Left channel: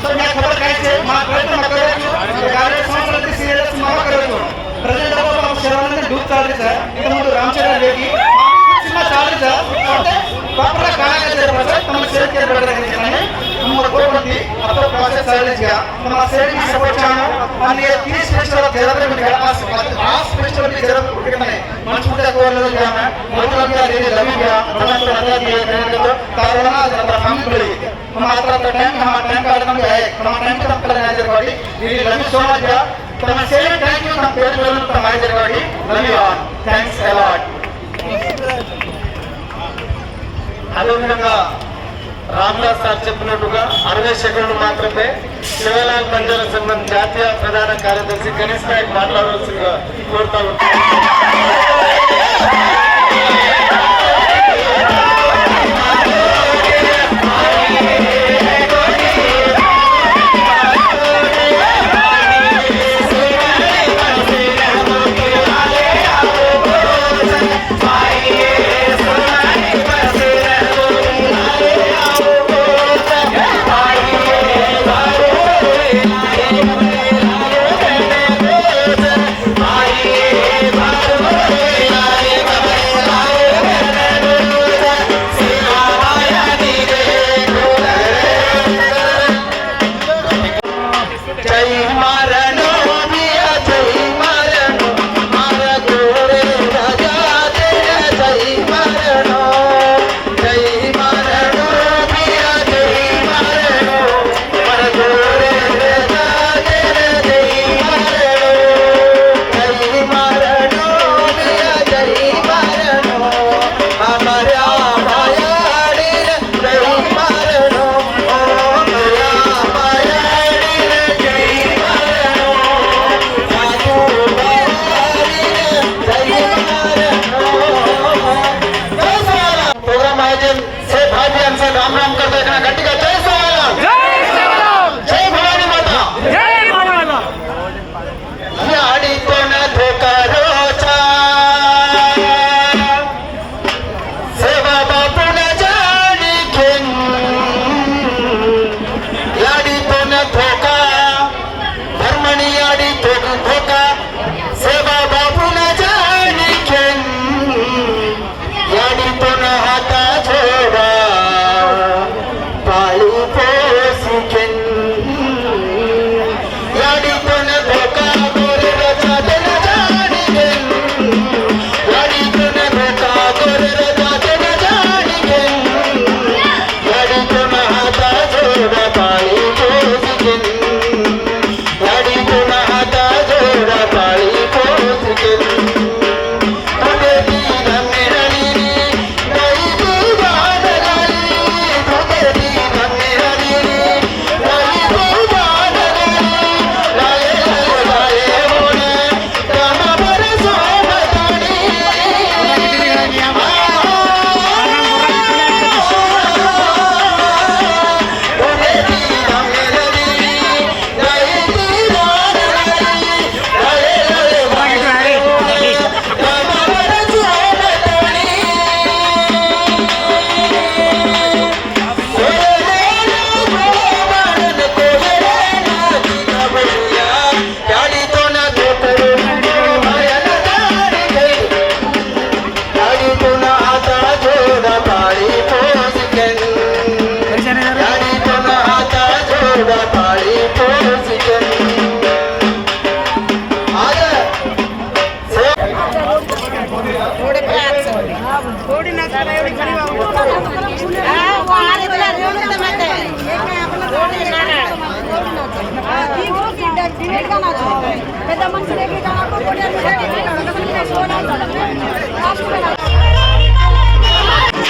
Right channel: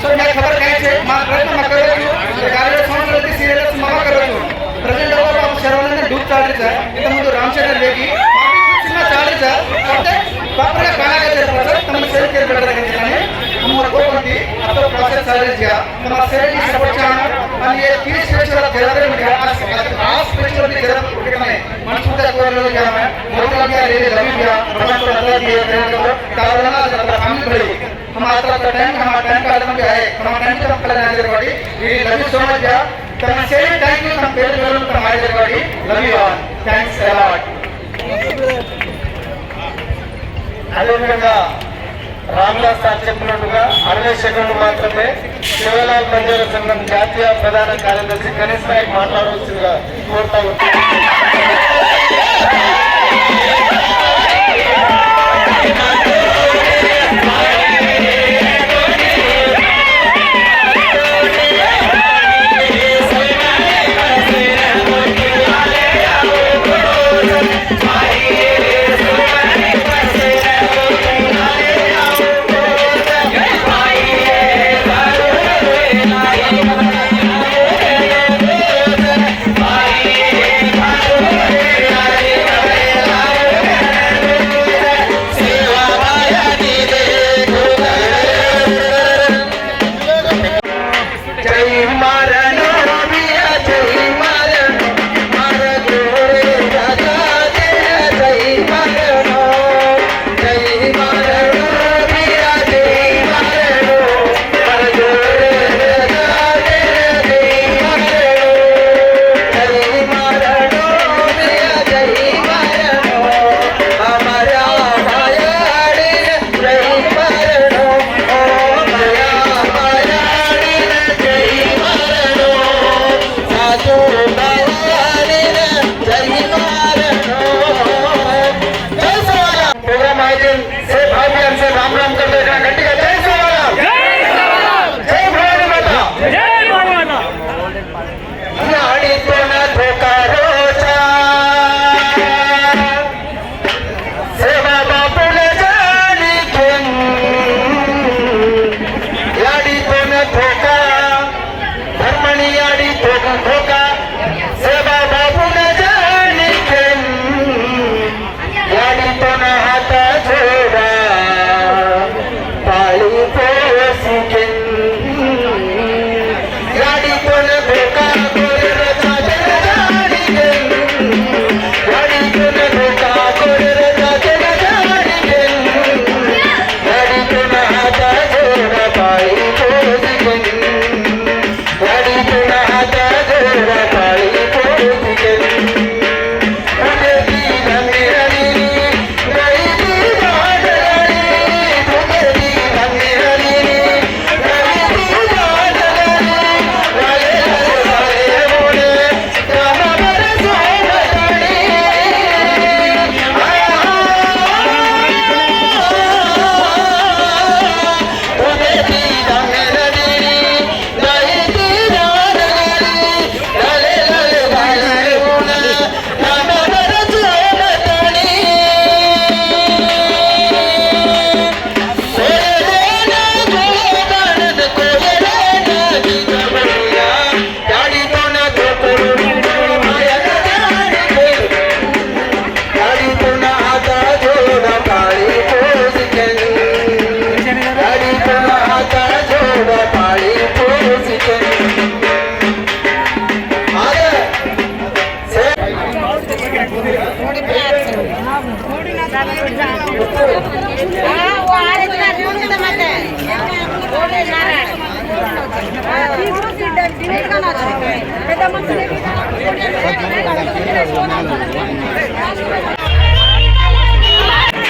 सो मैं खबर कहीं से माँ प्रयत्न मैं करो छू गाड़ी संवत्सराल सीरियल मैं करो छू प्रेजेंट अब शरवण डूब चाड़ी इंत मुझे रामचरण रेड्डी सिनिमा चाड़ी प्रॉपर कालागा जरूर तम सेल केरबेटानी हम गोपंती अब तो प्रोसेस सर्विस तम सेल की सपोर्ट चाहना आणि ये 30 फेस्टिवल जरूर आज फेस्टिवल भी जरूर मन छूटा को लोग क्या है मोरला भी रे लवी भी प्रभाव अदर दिए करेंगे तालना हम बड़ी हम आता टाइम हमारा टाइम का आदमी है हमारा टाइम कम कल ना जरूरी we love you so much या तम सेल थैंक यू तम पेज बोलने तम आए जरूरी love you all thanks a lot అదేవిధంగా రామ్దాస్ సార్ చెప్పినట్టుగా 60 సెకండ్లు మాత్రమే శివలాల్ మందిర సంఘం జాతీయ ప్రధాన కార్యదర్శి గణేష్ నాయక్ మాట్లాడవలసిందిగా కోరుతాను.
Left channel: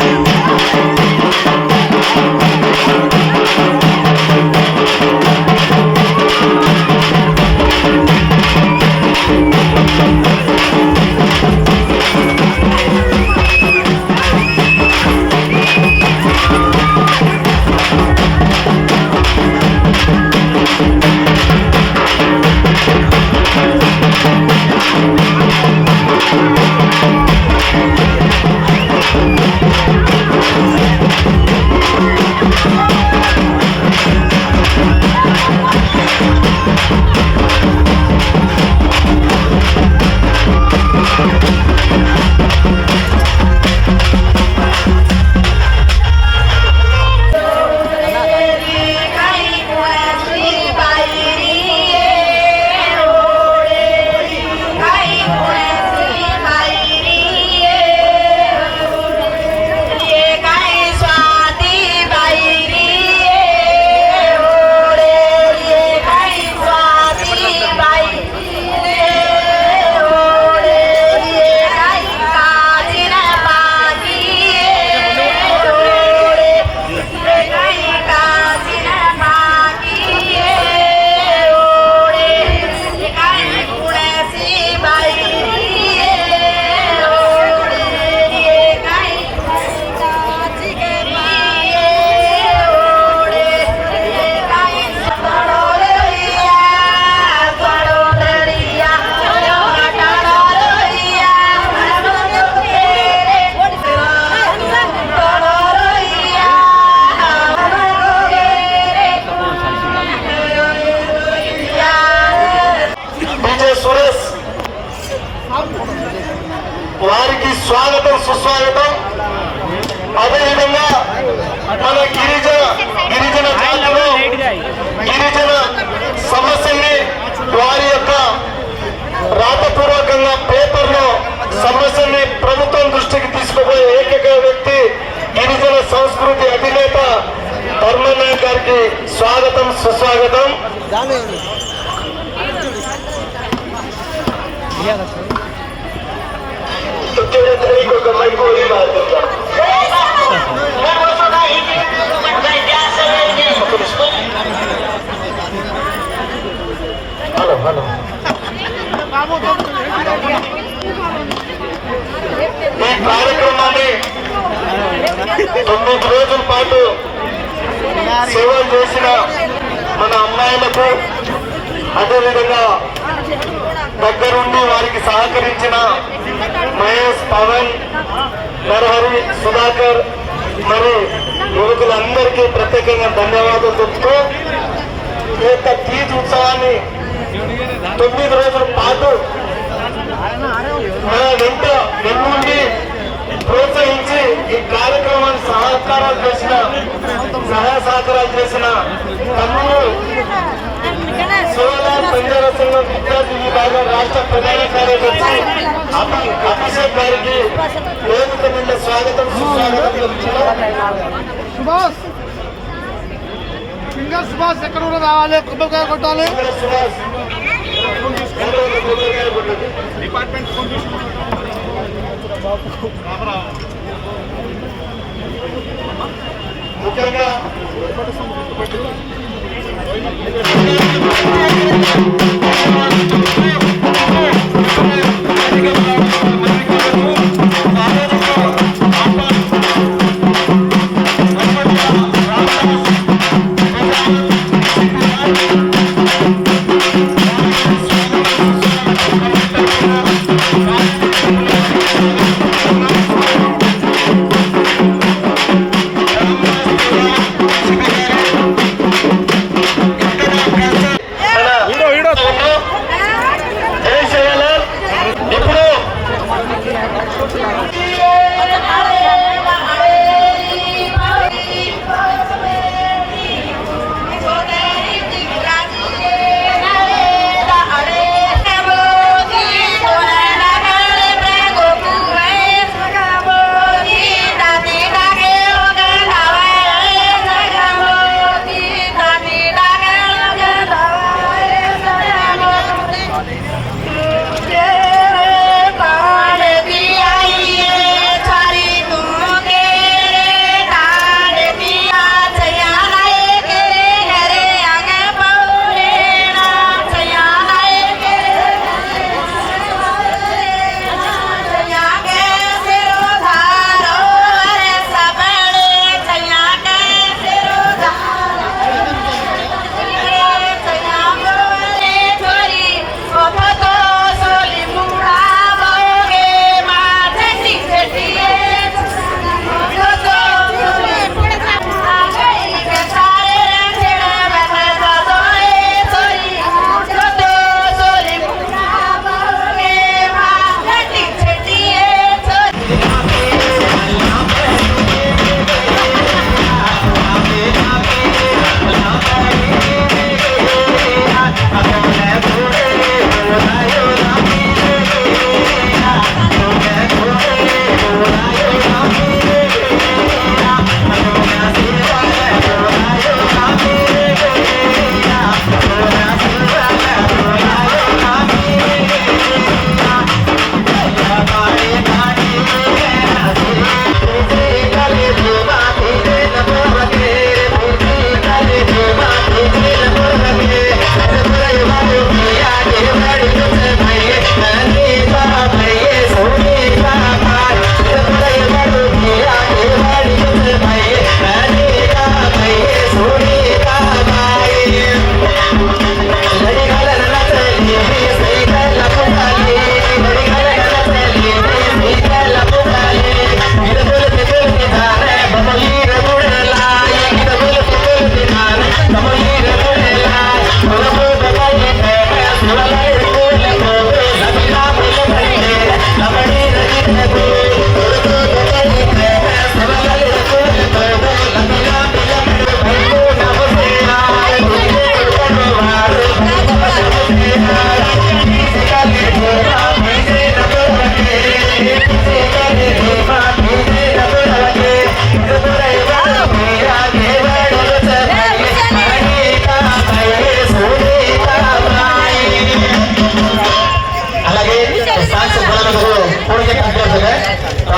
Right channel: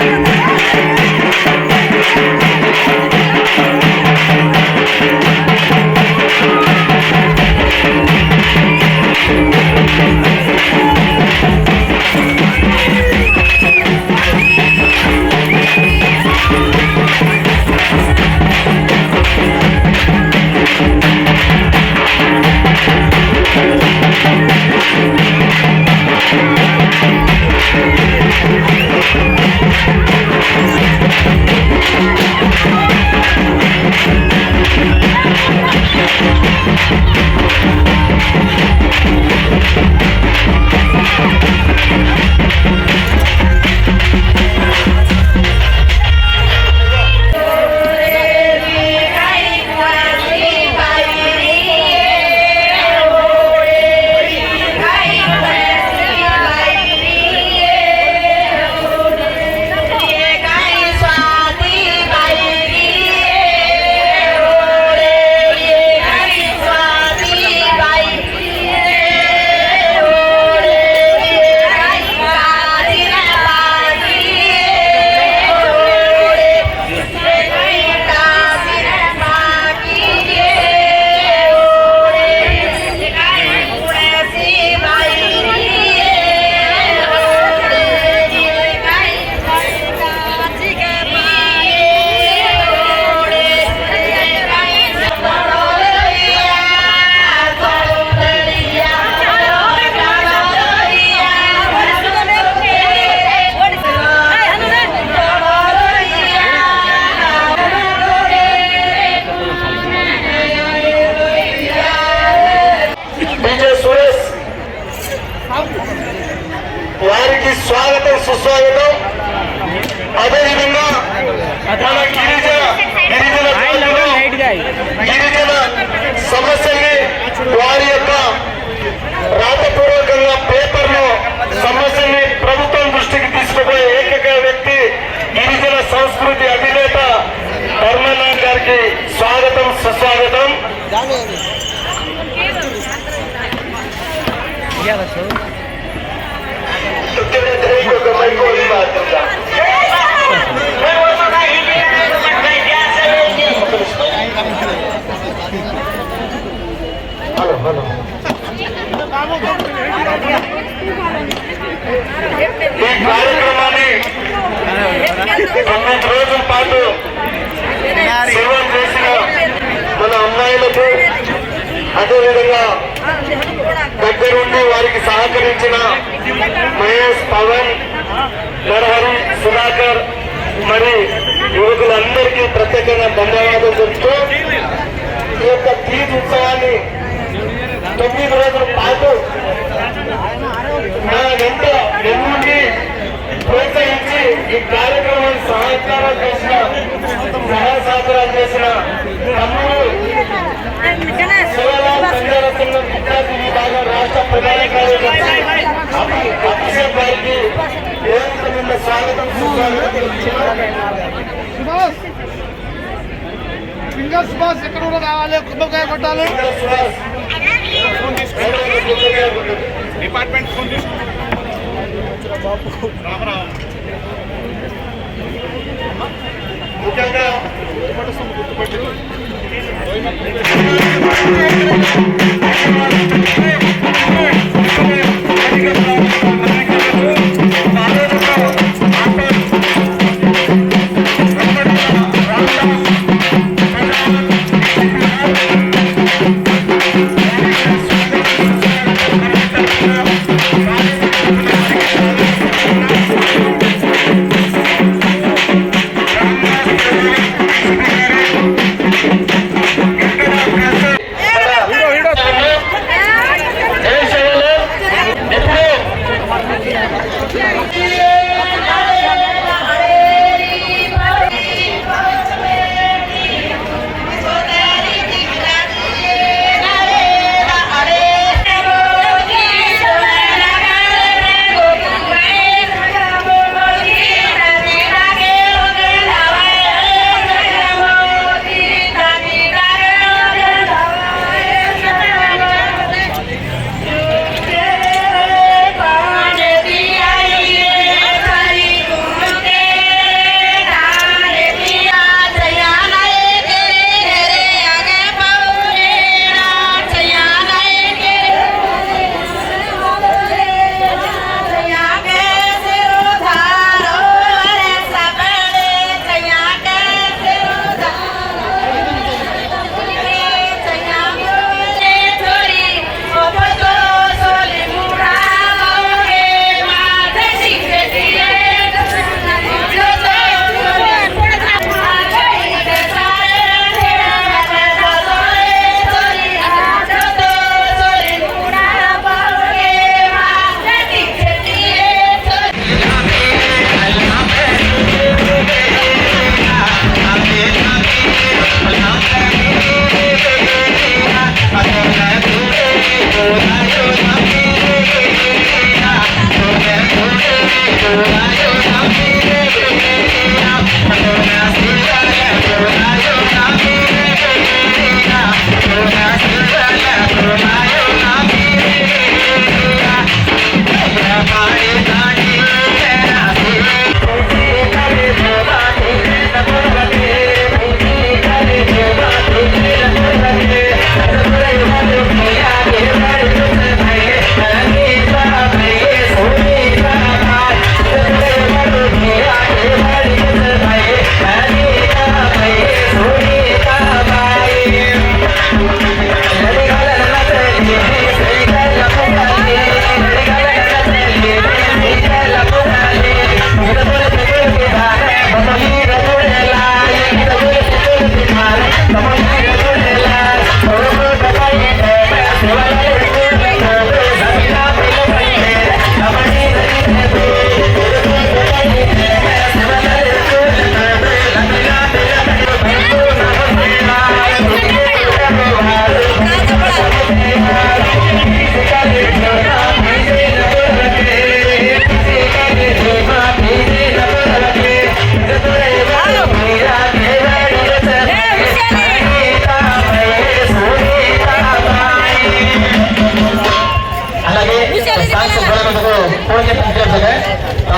Thank you. సంస్కృతి అధినేత ధర్మనాథ్ గారికి స్వాగతం సుస్వాగతం. ఈ కార్యక్రమాన్ని 9 రోజుల పాటు సేవలు చేసిన మన అమ్మాయిలకు, అదేవిధంగా దగ్గరుండి వారికి సహకరించిన మహేష్, పవన్, నరహరి, సుధాకర్ మరి యువకులందరికీ ప్రత్యేకంగా ధన్యవాదాలు చెప్తూ ఈ యొక్క తీజ్ ఉత్సవాన్ని 9 రోజుల పాటు నా వెంట వెన్నుండి ప్రోత్సహించి ఈ కార్యక్రమాన్ని సహకారాలు చేసిన, సహాయ సహకారాలు చేసిన తమ్ముడు శివలాల్ బంజారా సంఘం విద్యార్థి విభాగ రాష్ట్ర ప్రధాన కార్యదర్శి అభిషేక్ గారికి ఏకమైన స్వాగతం సుస్వాగతం చెప్తున్నారు. సుభాష్ ఎక్కడ కూడా రావాలి, కొబ్బరికాయ కొట్టాలి. డిపార్ట్మెంట్ ముఖ్యంగా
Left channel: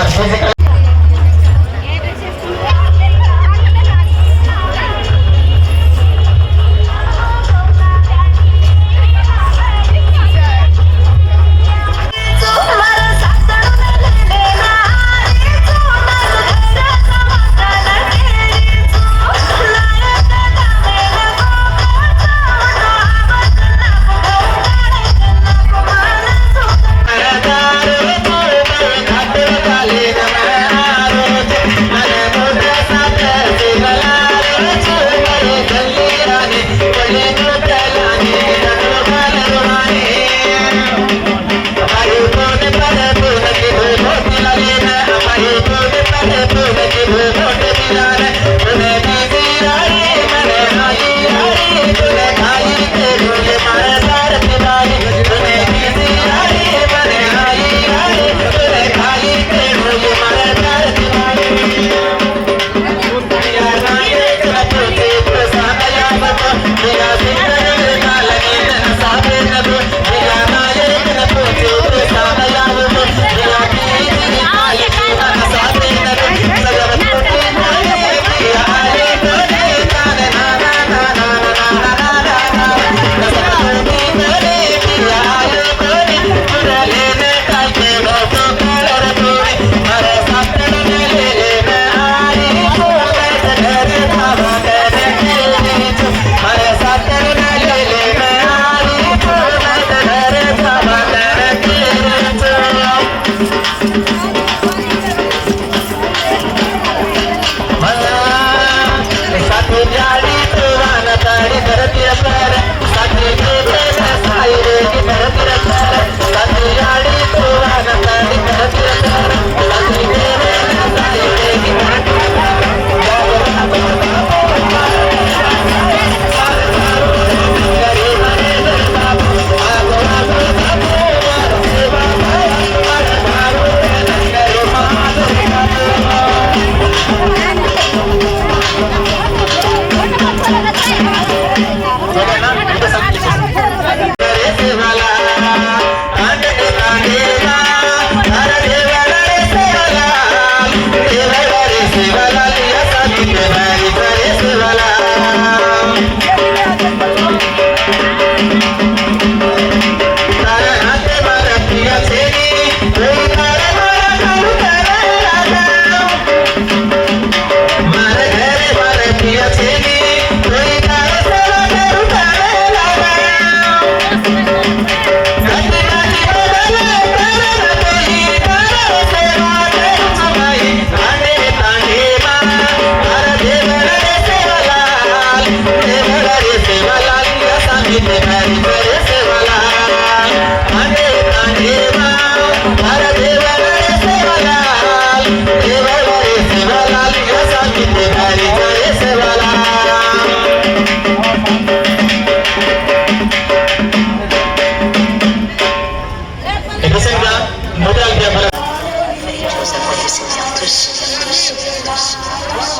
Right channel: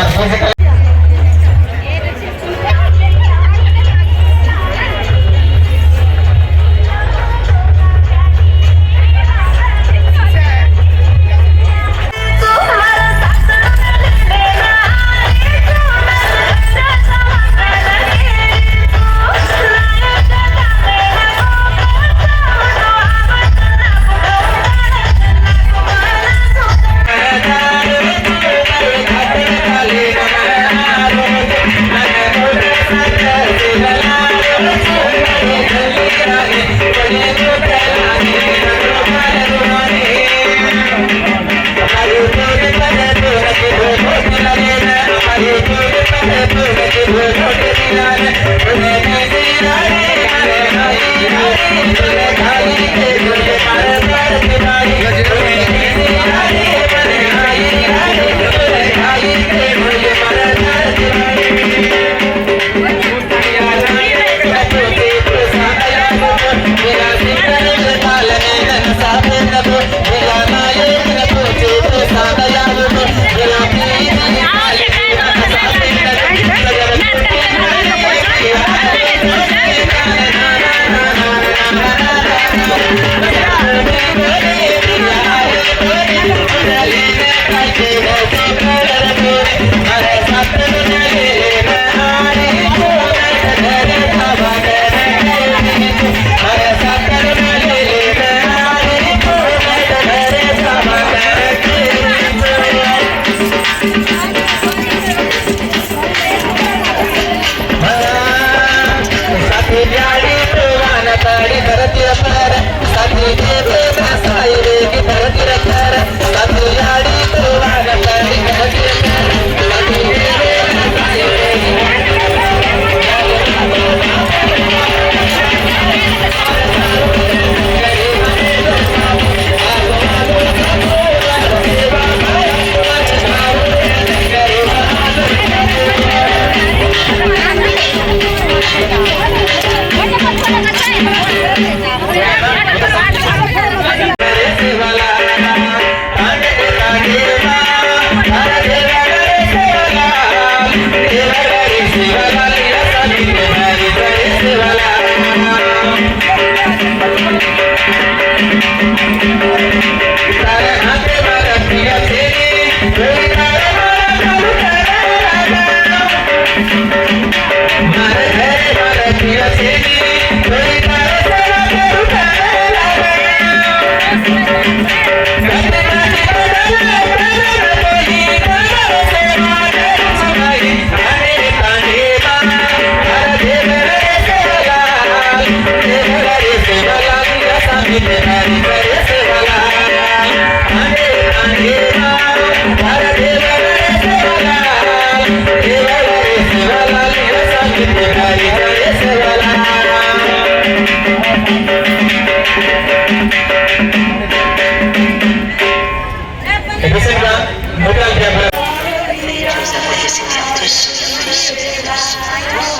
our physical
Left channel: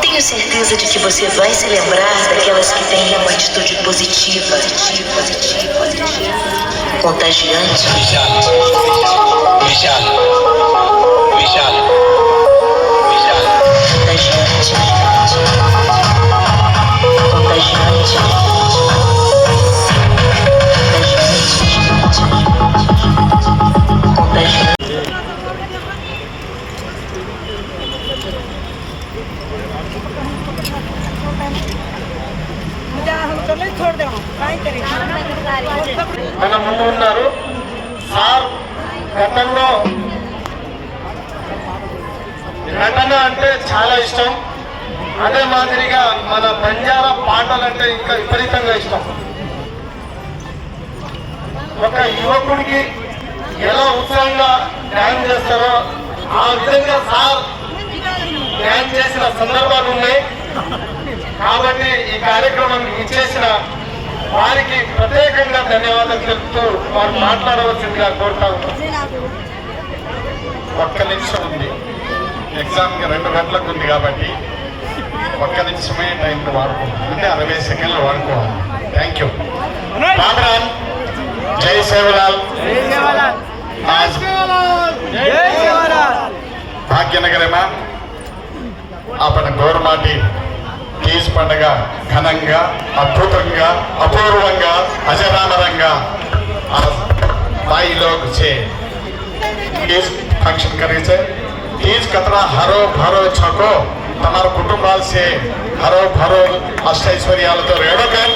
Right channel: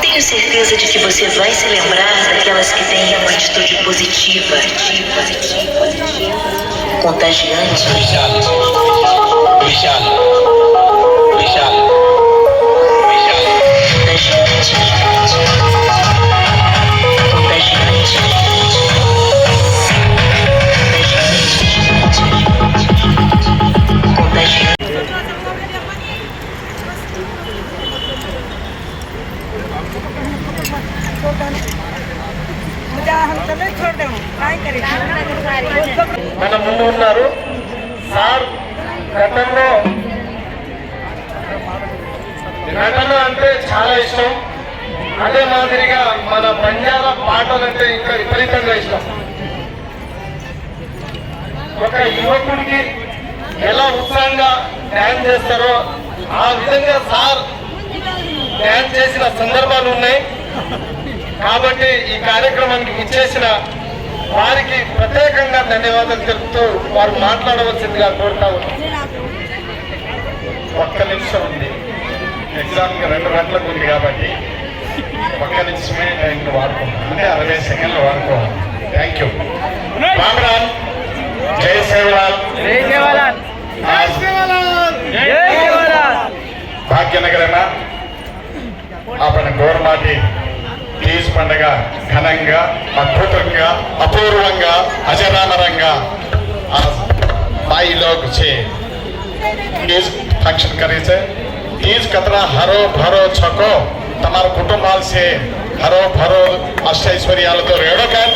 Tenho certeza de que você vai se lembrar daquelas que têm uma atitude positiva, contagiante. మన ముందు ఉన్నారు సార్. గతంలో నటన అంటే చాలా ఇష్టం. అదే మాదిరిగా మన బంజారా పాటలు అంటే ఇంకా విపరీతంగా ఇష్టం. ఒక యువకుడికి ఎలా ఉత్సాహంగా డ్యాన్స్ చేస్తారో ఆ విధంగా సార్ డ్యాన్స్ చేసిన సందర్భాలు ఉన్నాయి. కాబట్టి ఈ కార్యక్రమానికి ఇచ్చేసిన వారికి ప్రత్యేకంగా ధన్యవాదాలు చెప్తూ వారు మాట్లాడవలసిందిగా కోరుతా ఉన్నాం. ఒక్క నిమిషం ఉంది, ఎగ్జామ్ 2 గంటలకు ఉంది కాబట్టి ఒక్క నిమిషమే టైం వాడుకుంటాం, అంటే 60 సెకండ్లు వాడుకోవాలి. Thank you. రామరామ్, జై సేవలాల్, भाग्यनगर में अपन गौरमाटी तीज पंडग घनंगा अद्भुतंगा अपूर्वंगा अजरामरंगा भाई लोग से तीज फंक्शन करे छे। तीज कतरा हरो भरो छको तमार कुटुंबाल से हरो भरो अष्टैश्वर्यालतो रेडकन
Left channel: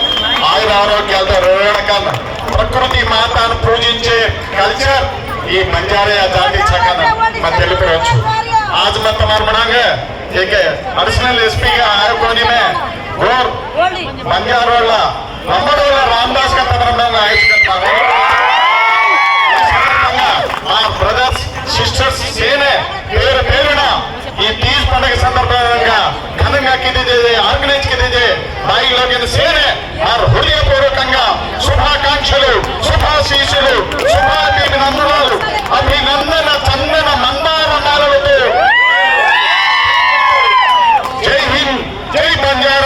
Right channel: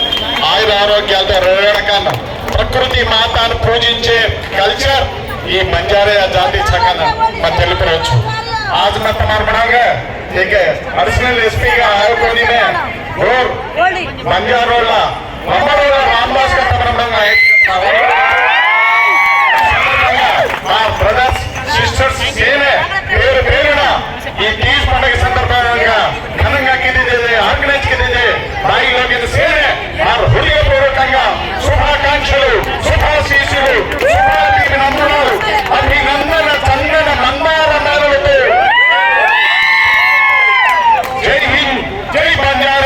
आयुर आरोग्यालतो रेडकन प्रकृति मातानु पूजिंचे कल्चर ఈ బంజారా జాతి చక్కన मैं తెలుపుకోవచ్చు। आज मैं तुम्हारे मनांगे एक अडिशनल एसपी का आयोजन में और बंजारोला अमरोला रामदास का तमन्ना आयोजित करता हूँ। ब्रदर्स सिस्टर्स सेने పేరు పేరున ఈ తీజ్ పండుగ సందర్భంగా ఘనంగా ఆర్గనైజ్ కింద భాయి లోకి సేనే వారు హృదయపూర్వకంగా శుభాకాంక్షలు శుభాశీస్సులు శుభాభినందనలు అభినందన చందన మందారమాలతో జై హింద్ జై బంజారా